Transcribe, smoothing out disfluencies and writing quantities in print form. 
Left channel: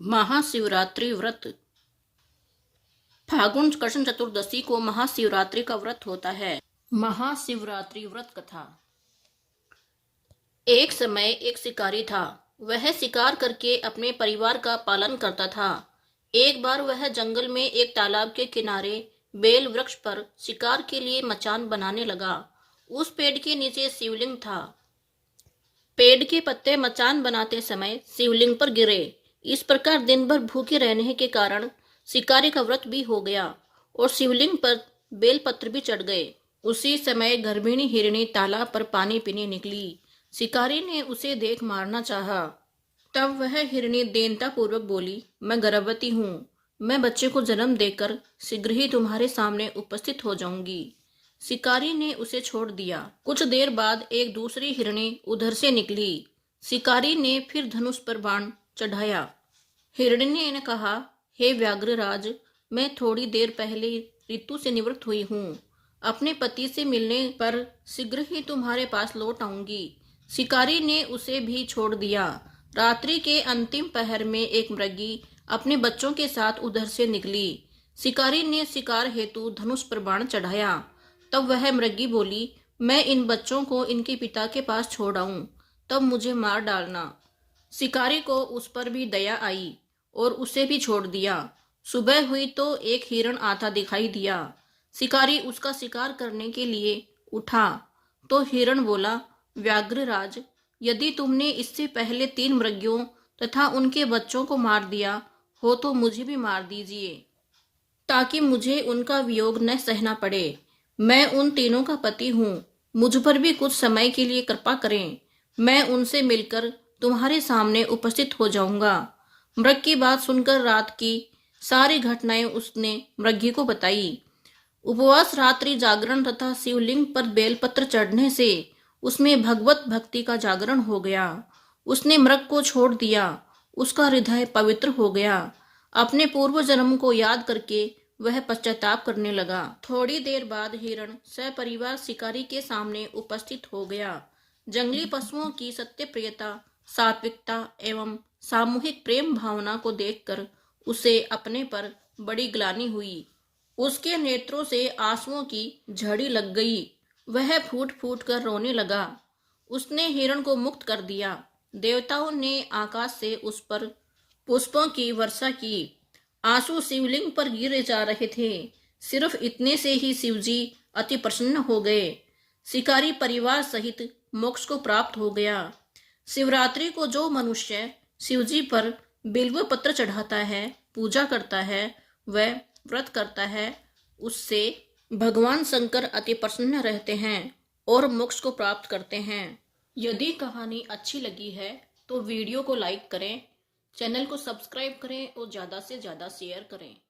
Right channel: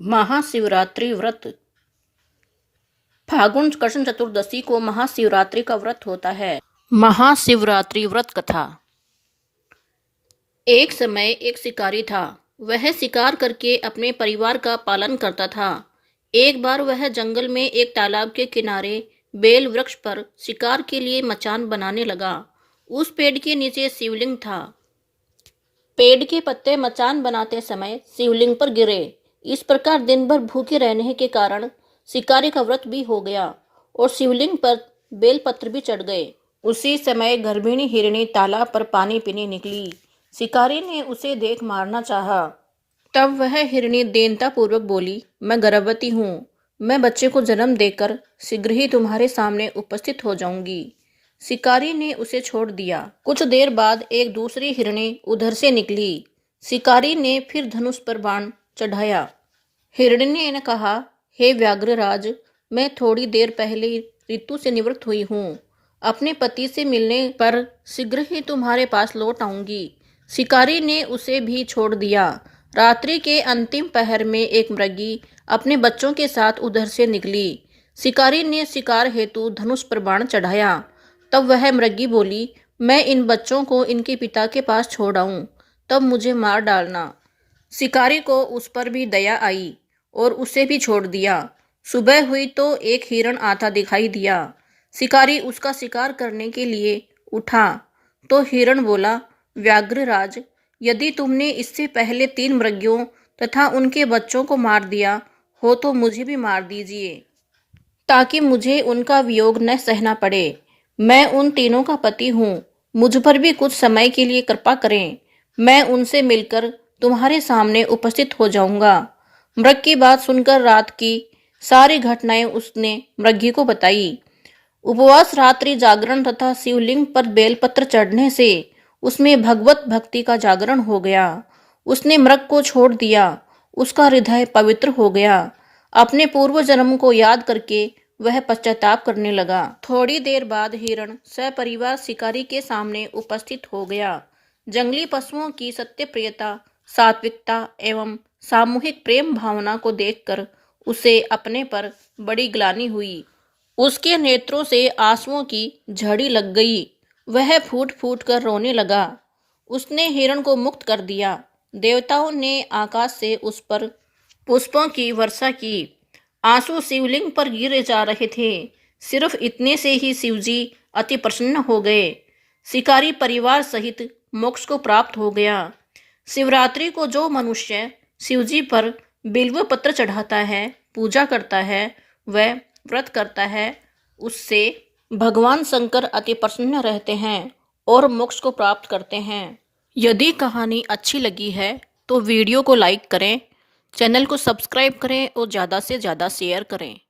महाशिवरात्रि व्रत। फागुन कृष्ण चतुर्दशी को महाशिवरात्रि का व्रत होता है। महाशिवरात्रि व्रत कथा। एक समय एक शिकारी था। वह शिकार करके अपने परिवार का पालन करता था। एक बार वह जंगल में एक तालाब के किनारे बेल वृक्ष पर शिकार के लिए मचान बनाने लगा। उस पेड़ के नीचे शिवलिंग था। पेड़ के पत्ते मचान बनाते समय शिवलिंग पर गिरे। इस प्रकार दिन भर भूखे रहने के कारण शिकारी का व्रत भी हो गया और शिवलिंग पर बेलपत्र भी चढ़ गए। उसी समय गर्भिणी हिरणी तालाब पर पानी पीने निकली। शिकारी ने उसे देख मारना चाहा। तब वह हिरणी दीनता पूर्वक बोली, मैं गर्भवती हूँ। मैं बच्चे को जन्म देकर शीघ्र ही तुम्हारे सामने उपस्थित हो जाऊंगी। शिकारी ने उसे छोड़ दिया। कुछ देर बाद एक दूसरी हिरणी उधर से निकली। शिकारी ने फिर धनुष पर बाण चढ़ाया। हिरणी ने कहा, हे व्याघ्रराज, मैं थोड़ी देर पहले ऋतु से निवृत्त हुई हूँ। अपने पति से मिलने पर शीघ्र ही तुम्हारे पास लौट आऊंगी। शिकारी ने उसे भी छोड़ दिया। रात्रि के अंतिम पहर में एक मृगी अपने बच्चों के साथ उधर से निकली। शिकारी ने शिकार हेतु धनुष पर बाण चढ़ाया। तब वह मृगी बोली, मैं इन बच्चों को इनके पिता के पास छोड़ आऊं, तब मुझे मार डालना। शिकारी को उस पर भी दया आई और उसे भी छोड़ दिया। सुबह हुई तो एक हिरण आता दिखाई दिया। शिकारी उसका शिकार करने के लिए उठा तो हिरण बोला, व्याघ्रराज, यदि तुमने इससे पहले 3 मृगियों तथा उनके बच्चों को मार दिया हो तो मुझे भी मार दीजिए, ताकि मुझे उनका वियोग न सहना पड़े। मैं उन तीनों का पति हूँ। मुझ पर भी कुछ समय के लिए कृपा करें। मैं उनसे मिलकर तुम्हारे सामने उपस्थित हो जाऊंगा। मृग की बात सुनकर रात की सारी घटनाएं उसने मृगी को बताई। उपवास, रात्रि जागरण तथा शिवलिंग पर बेलपत्र चढ़ने से उसमें भगवत भक्ति का जागरण हो गया। उसने मृग को छोड़ दिया। उसका हृदय पवित्र हो गया। अपने पूर्व जन्म को याद करके वह पश्चाताप करने लगा। थोड़ी देर बाद हिरण सपरिवार शिकारी के सामने उपस्थित हो गया। जंगली पशुओं की सत्यप्रियता, सात्विकता एवं सामूहिक प्रेम भावना को देखकर उसे अपने पर बड़ी ग्लानि हुई। उसके नेत्रों से आंसुओं की झड़ी लग गई। वह फूट फूट कर रोने लगा। उसने हिरण को मुक्त कर दिया। देवताओं ने आकाश से उस पर पुष्पों की वर्षा की। आंसू शिवलिंग पर गिरे जा रहे थे। सिर्फ इतने से ही शिवजी अति प्रसन्न हो गए। शिकारी परिवार सहित मोक्ष को प्राप्त हो गया। शिवरात्रि को जो मनुष्य शिवजी पर बिल्व पत्र चढ़ाता है, पूजा करता है, वह व्रत करता है, उससे भगवान शंकर अति प्रसन्न रहते हैं और मोक्ष को प्राप्त करते हैं। यदि कहानी अच्छी लगी है तो वीडियो को लाइक करें, चैनल को सब्सक्राइब करें और ज़्यादा से ज़्यादा शेयर करें।